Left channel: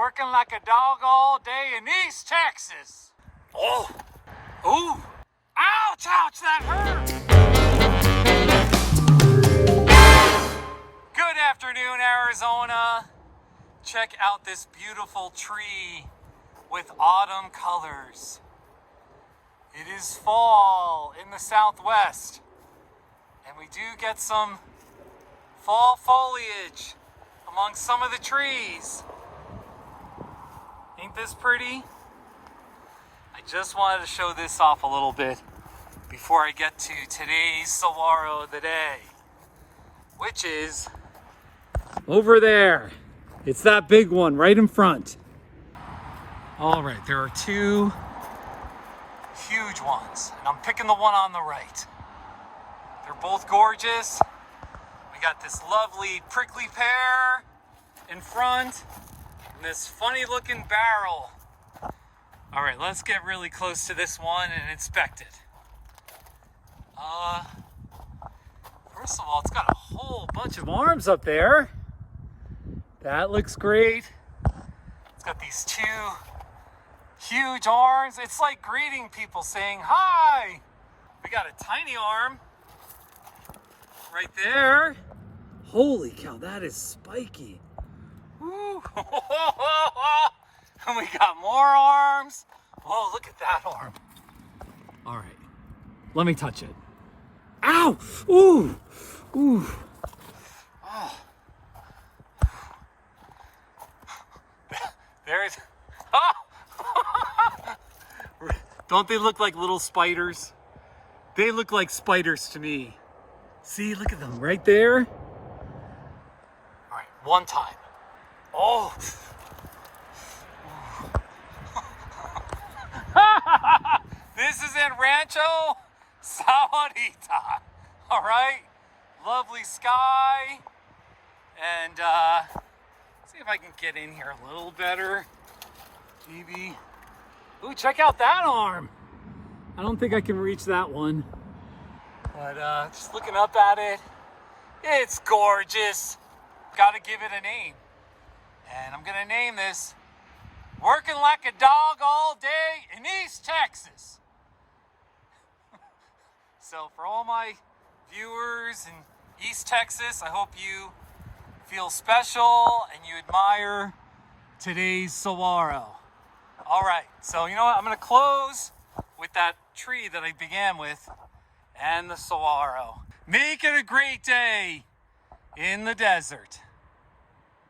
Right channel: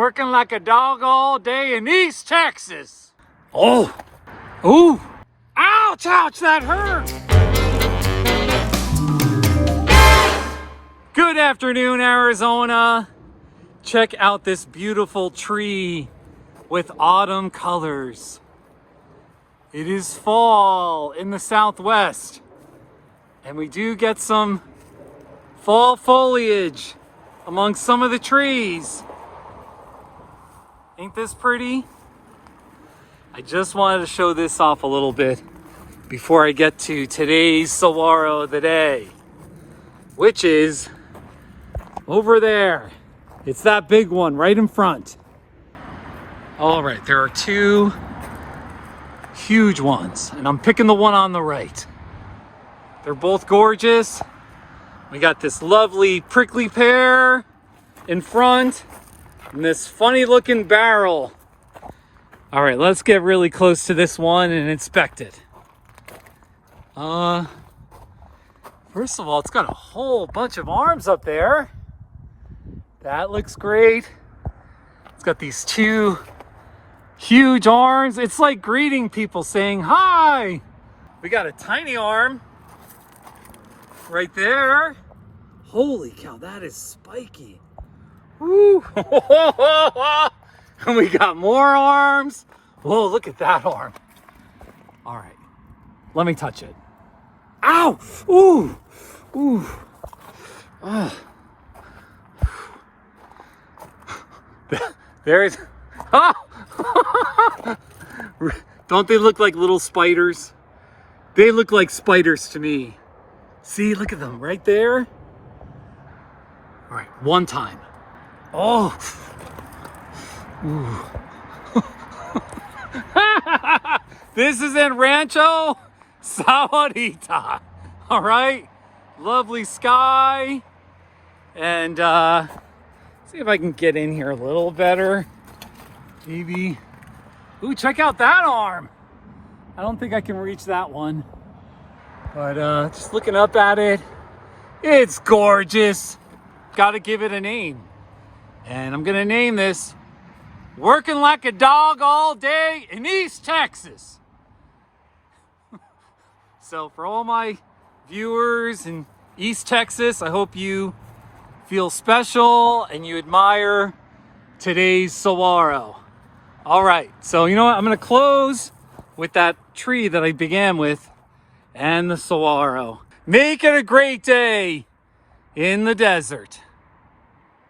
Working like a dog all day in East Texas. Oh, ooh, ouch, ouch, that hurt. Good afternoon, Arizona. Check out this beautiful tree with autumn colors. It is fall in the Southwest, and we do get some fall foliage among some of the trees. Ain't this pretty? I just wanted to show this off a little bit before I get to today's Saguaro of the day, which is over there. It's that big one right in front. All right, there are two huge ones, and I'm picking the one on the right. They're both gorgeous. We got this lovely prickly pear in front and this funny looking barrel. All right, let's get really close to this one and inspect it. First of all, it's got a whole bunch of arms up there. That looks great. It's got these two huge arms. It's like greeting people, saying hi. We got a tiny arm right there. Holy cow, that is spiky. Woo. And we got more arms. Whoa, look at that arm. All right, let me touch it. Ow! Ooh! Ooh! Oh. There's... Oh. Don't they look like little spiders? They look like spiders to me. See, look at them right there. All right, one time. Oh! Ooh. This is in Rancho Sahuarita. All right, lovely sky. And see if I can get in here a little better. Maybe. Ooh, check out that arm. I don't think I can reach that one. But just looking up at it, it's gorgeous. Gotta give it a name. And I'm gonna name this Working Like a Dog All Day in East Texas. So for all my viewers in East Texas, I hope you feel special and you admire today's Saguaro. All right, so you know what? I'm gonna close with that tree that I began with and the Saguaro. Make it a great day in the desert.